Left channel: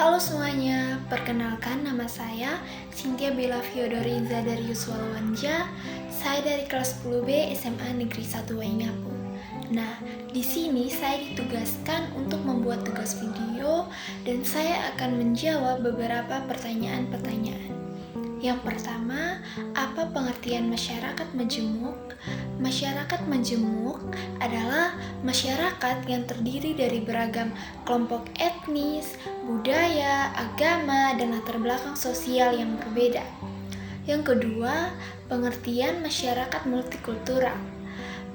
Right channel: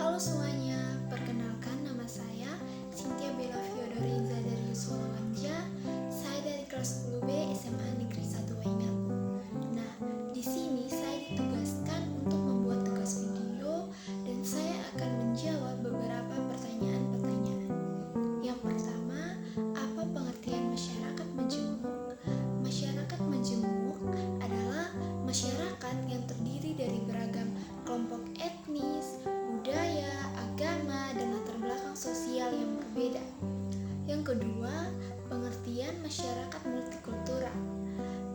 Halo semuanya, perkenalkan nama saya Cynthia Bella Fiodoriza dari Yuswalwanja. Saya dari kelas 10B SMA Negeri 1 Waingapu. Nah, di sini saya ditugaskan untuk membuat tugas video dan saya akan menjawab beberapa pertanyaan-pertanyaan. Yang pertama, apa pengertian masyarakat majemuk? Masyarakat majemuk adalah masyarakat yang terdiri dari beragam kelompok etnis, budaya, agama, dan latar belakang sosial yang berbeda. Yang kedua, pengertian masyarakat multikultural.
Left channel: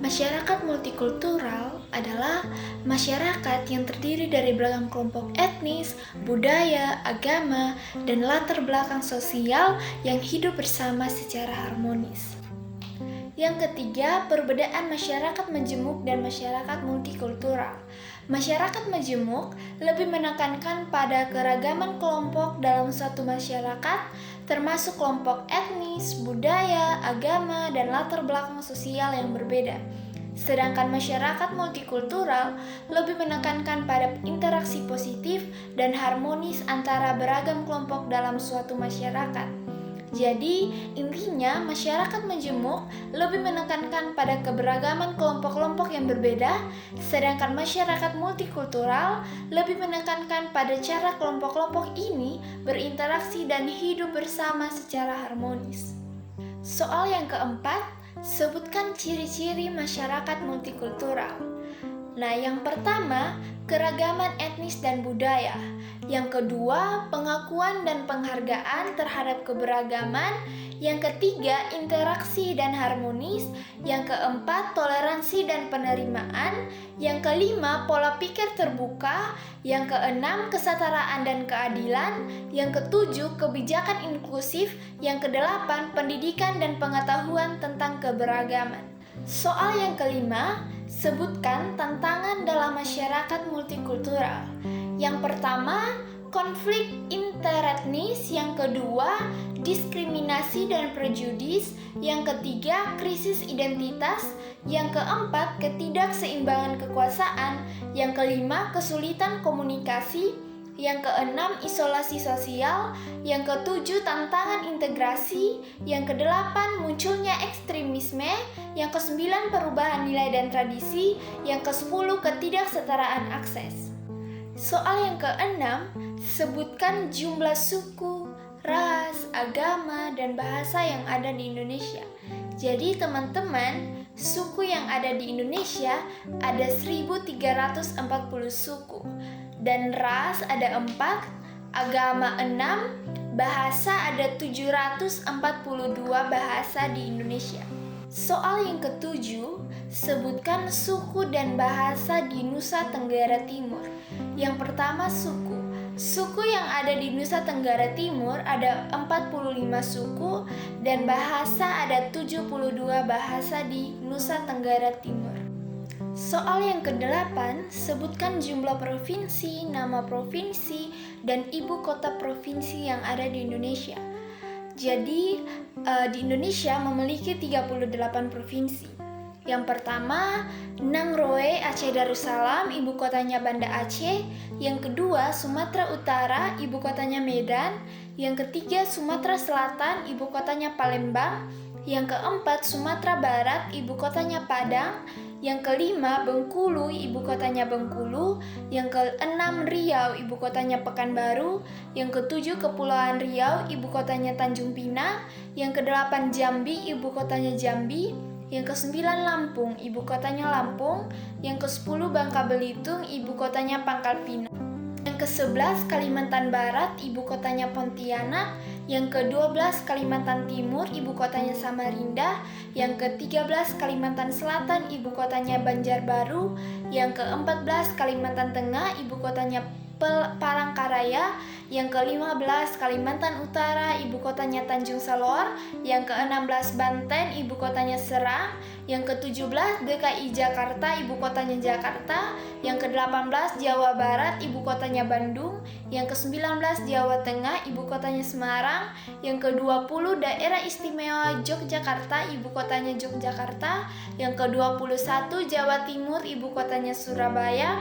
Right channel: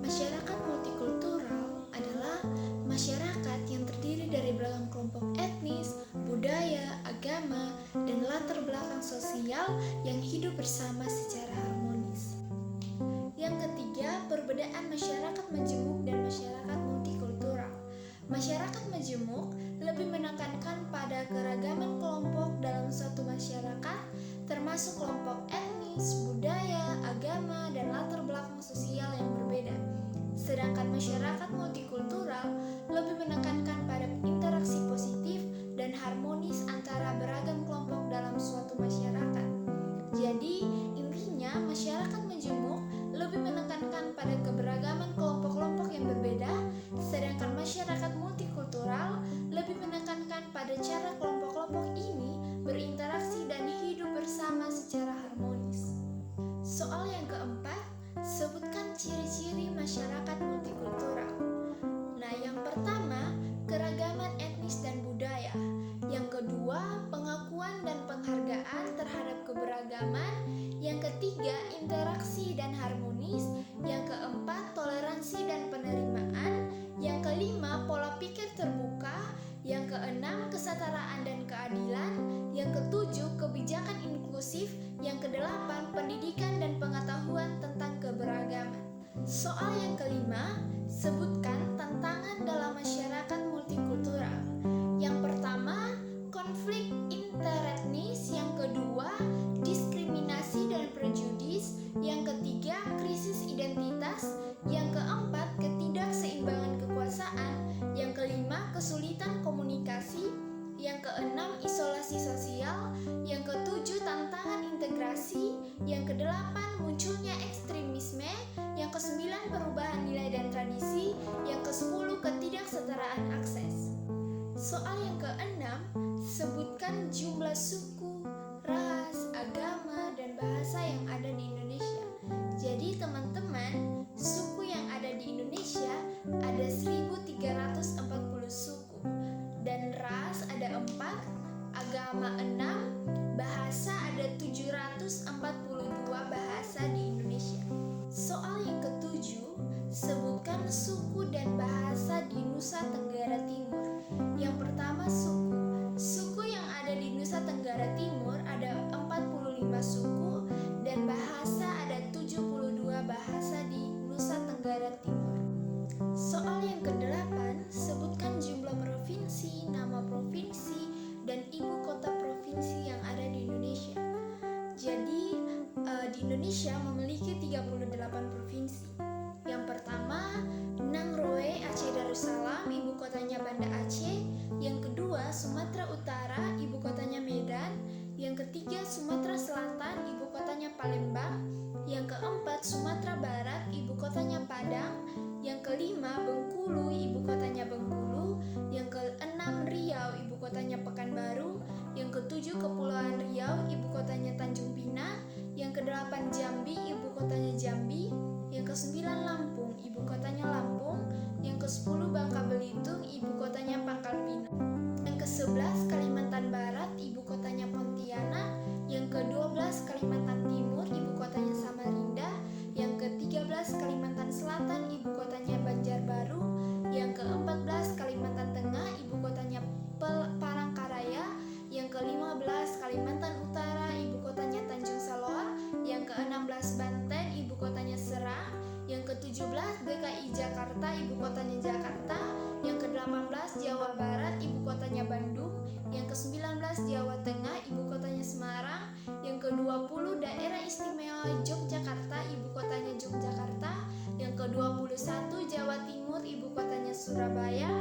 Masyarakat multikultural adalah masyarakat yang terdiri dari beragam kelompok etnis, budaya, agama, dan latar belakang sosial yang hidup bersama secara harmonis. Yang ketiga, perbedaan masyarakat majemuk dan masyarakat multikultural. Masyarakat majemuk lebih menekankan pada keragaman kelompok dalam suatu masyarakat, termasuk kelompok etnis, budaya, agama, dan latar belakang sosial yang berbeda. Sedangkan masyarakat multikultural lebih menekankan pada interaksi positif dan harmonis antara beragam kelompok dalam suatu masyarakat. Jadi, intinya masyarakat majemuk lebih menekankan pada keberagaman kelompok-kelompok yang berbeda, sedangkan masyarakat multikultural lebih menekankan pada cara kelompok-kelompok ini berinteraksi dan hidup bersama secara harmonis. Soal yang keempat, sebutkan ciri-ciri masyarakat multikultural. Nah, yang pertama, keragaman etnis dan budaya. Yang kedua, pengakuan dan penghargaan terhadap keberagaman. Yang ketiga, interaksi dan harmonis. Yang keempat, toleransi dan penerimaan. Yang kelima, pola pikir terbuka. Yang keenam, kesetaraan dan keadilan. Yang ketujuh, kebijakan inklusif. Yang kedelapan, pendidikan dan pengetahuan tentang keberagaman. Soal yang kelima, sebutkan tantangan dalam masyarakat multikultural. Yang pertama, konflik interetnis. Yang kedua, diskriminasi dan prejudis. Yang ketiga, krisis identitas. Yang keempat, ketidakseimbangan kekuasaan. Yang kelima, kesulitan komunikasi. Yang keenam, isolasi sosial. Yang ketujuh, tantangan integrasi. Yang kedelapan, munculnya ekstremisme. Yang kesembilan, perubahan nilai dan tradisi. Yang kesepuluh, ketidaksetaraan akses. Soal yang keenam, sebutkan jumlah suku, ras, agama, dan bahasa yang ada di Indonesia. Jadi teman-teman, suku yang ada di Indonesia ada 1340 suku. Dan ras ada 4, agama 6, bahasa ada 742 bahasa di Indonesia. Soal yang ketujuh, sebutkan suku dan bahasa di Nusa Tenggara Timur. Yang pertama, suku. Suku yang ada di Nusa Tenggara Timur ada 45 suku dan bahasa ada 72 bahasa di Nusa Tenggara Timur. Soal yang ke-8, sebutkan jumlah provinsi, nama provinsi, dan ibu kota provinsi yang ada di Indonesia. Jadi, di Indonesia memiliki 38 provinsi. Yang pertama, Nangroe Aceh Darussalam, ibu kotanya Banda Aceh. Yang kedua, Sumatera Utara, ibu kotanya Medan. Yang ketiga, Sumatera Selatan, ibu kotanya Palembang. Yang keempat, Sumatera Barat, ibu kotanya Padang. Yang kelima, Bengkulu, ibu kotanya Bengkulu. Yang keenam, Riau, ibu kotanya Pekanbaru. Yang ketujuh, Kepulauan Riau, ibu kotanya Tanjung Pinang. Yang kedelapan, Jambi, ibu kotanya Jambi. Yang kesembilan, Lampung, ibu kotanya Lampung. Yang kesepuluh, Bangka Belitung, ibu kotanya Pangkal Pinang. Yang ke-11, Kalimantan Barat, ibu kotanya Pontianak. Yang ke-12, Kalimantan Timur, ibu kotanya Samarinda. Yang ke-13, Kalimantan Selatan, ibu kotanya Banjarbaru. Yang ke-14, Kalimantan Tengah, ibu kotanya Palangkaraya. Yang ke-15, Kalimantan Utara, ibu kotanya Tanjung Salor. Yang ke-16, Banten, ibu kotanya Serang. Yang ke-17, DKI Jakarta, ibu kotanya Jakarta. Yang ke-18, Jawa Barat, ibu kotanya Bandung. Yang ke-19, Jawa Tengah, ibu kotanya Semarang. Yang ke-20, Daerah Istimewa Yogyakarta, ibu kotanya Yogyakarta. Yang ke-21, Jawa Timur, ibu kotanya Surabaya.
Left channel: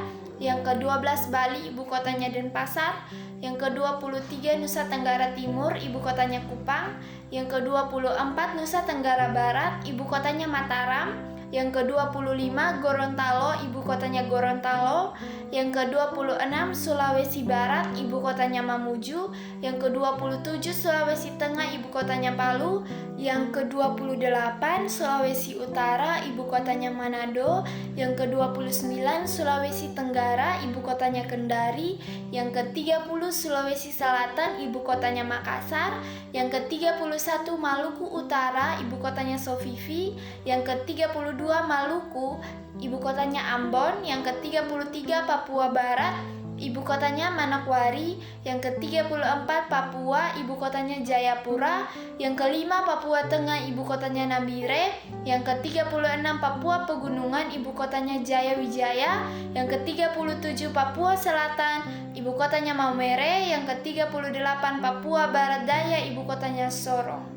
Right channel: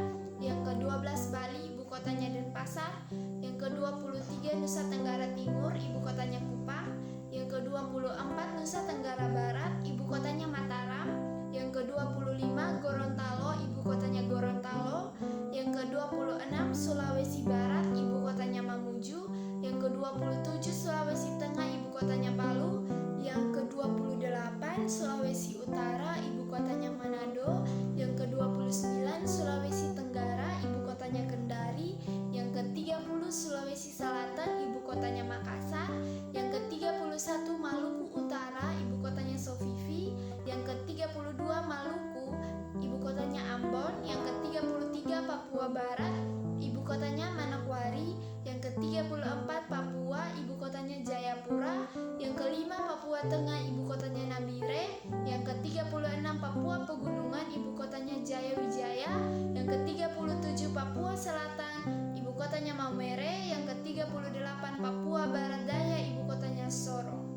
Yang ke-12 Bali, ibu kotanya Denpasar. Yang ke-23 Nusa Tenggara Timur, ibu kotanya Kupang. Yang ke-24 Nusa Tenggara Barat, ibu kotanya Mataram. Yang ke-25 Gorontalo, ibu kotanya Gorontalo. Yang ke-26 Sulawesi Barat, ibu kotanya Mamuju. Yang ke-27 Sulawesi Tengah, ibu kotanya Palu. Yang ke-28 Sulawesi Utara, ibu kotanya Manado. Yang ke-29 Sulawesi Tenggara, ibu kotanya Kendari. Yang ke-30 Sulawesi Selatan, ibu kotanya Makassar. Yang ke-31 Maluku Utara, ibu kotanya Sofifi. Yang ke-32 Maluku, ibu kotanya Ambon. Yang ke-33 Papua Barat, ibu kotanya Manokwari. Yang ke-34 Papua, ibu kotanya Jayapura. Yang kelima Papua Tengah, ibu kotanya Nambire. Yang ke-36 Papua Pegunungan, ibu kotanya Jayawijaya. Yang ke-37 Papua Selatan, ibu kotanya Maumere. Yang ke-38 Papua Barat Daya, ibu kotanya Sorong.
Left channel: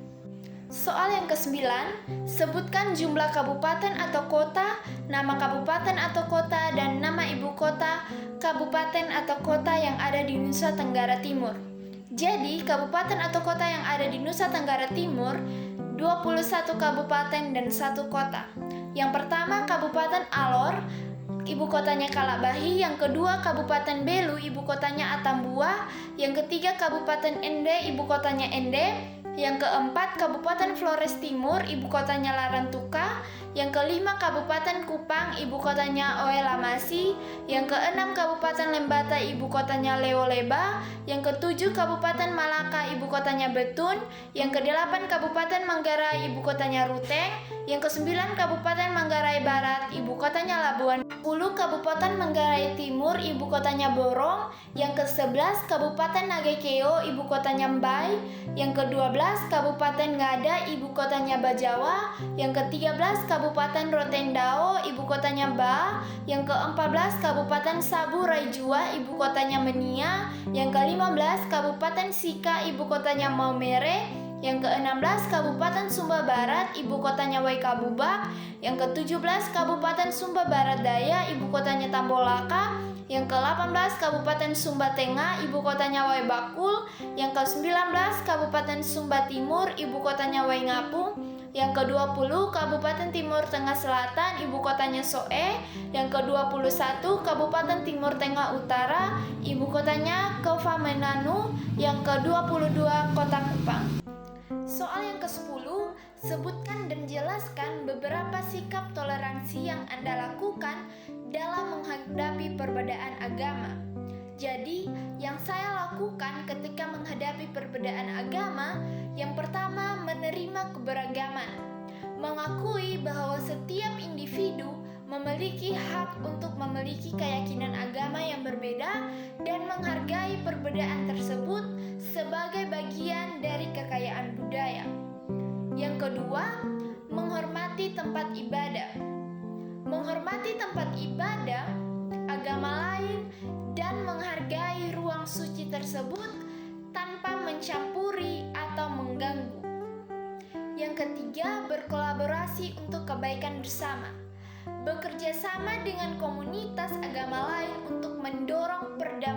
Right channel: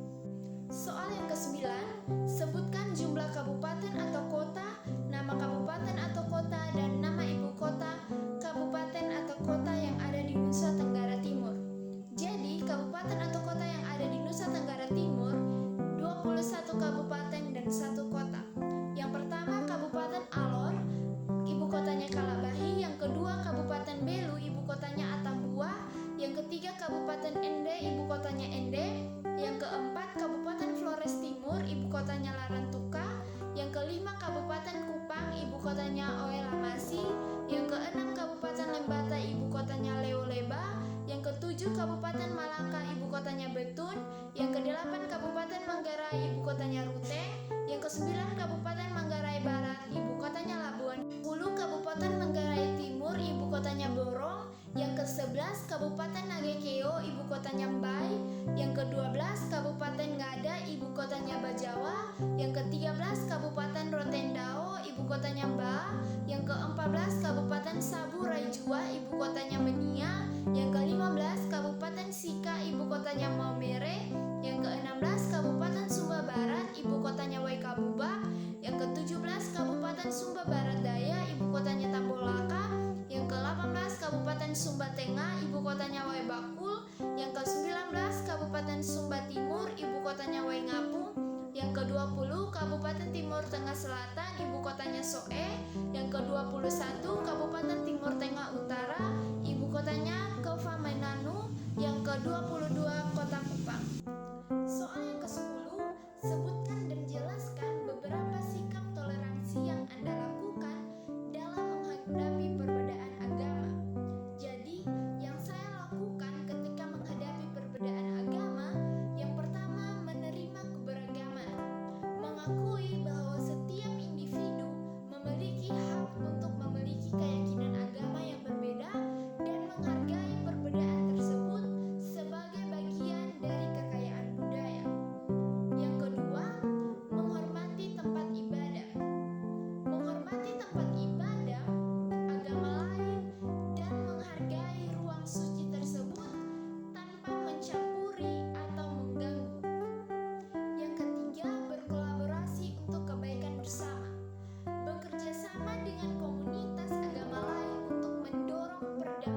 Soal yang ke-9, sebutkan jumlah kabupaten atau kota, nama kabupaten atau kota, dan nama ibu kota kabupaten atau kota yang ada di Nusa Tenggara Timur. Jadi, kabupaten atau kota yang ada di Nusa Tenggara Timur 21 kabupaten dan 1 kota. Yang pertama Kabupaten Alor, ibu kotanya Kalabahi. Yang kedua Kabupaten Belu, ibu kotanya Atambua. Yang ketiga Kabupaten Ende, ibu kotanya Ende. Yang keempat Kabupaten Flores Timur, ibu kotanya Larantuka. Yang kelima Kabupaten Kupang, ibu kotanya Oelamasi. Yang keenam Kabupaten Lembata, ibu kotanya Leoleba. Yang ketujuh Kabupaten Malaka, ibu kotanya Betun. Yang kedelapan Kabupaten Manggarai, ibu kotanya Ruteng. Yang kesembilan Kabupaten Manggarai Barat, ibu kotanya Labuan. 10 Kabupaten Manggarai Timur, ibu kotanya Borong. Yang ke-11 Kabupaten Nagekeo, ibu kotanya Mbai. Yang ke-12 Kabupaten Ngada, ibu kotanya Bajawa. Yang ke-13 Kabupaten Rotendao, ibu kotanya Ba. Yang ke-14 Kabupaten Sabu Raijua, ibu kotanya Menia. Yang ke-15 Kabupaten Sika, ibu kotanya Maumere. Yang ke-16 Kabupaten Sumba Barat, ibu kotanya Waikabubak. Yang ke-17 Kabupaten Sumba Barat Daya, ibu kotanya Tambolaka. Yang ke-18 Kabupaten Sumba Tengah, ibu kotanya Waibakul. Yang ke-19 Kabupaten Sumba Timur, ibu kotanya Waingapu. Yang ke-20 Kabupaten Timur Tengah Selatan, ibu kotanya Soe. Yang ke-21 Kabupaten Timur Tengah Utara, ibu kotanya Kofamenanu. Yang ke-22 Kota Kupang. Soal yang ke-10, sebutkan dan jelaskan beberapa sikap toleransi yang Anda lakukan dalam menghadapi perbedaan agama. Jadi, yang saya lakukan ketika menghadapi perbedaan agama, yang pertama menerima keberagaman, mengakui bahwa setiap individu memiliki hak untuk memiliki keyakinan agama yang berbeda dan menghargai perbedaan tersebut sebagai bagian dari kekayaan budaya. Yang kedua, menghormati tempat ibadah. Menghormati tempat ibadah agama lain dan menghargai ruang suci tersebut tanpa mencampuri atau mengganggu. Yang ketiga, berkolaborasi untuk kebaikan bersama. Bekerja sama dengan komunitas agama lain untuk mendorong perdamaian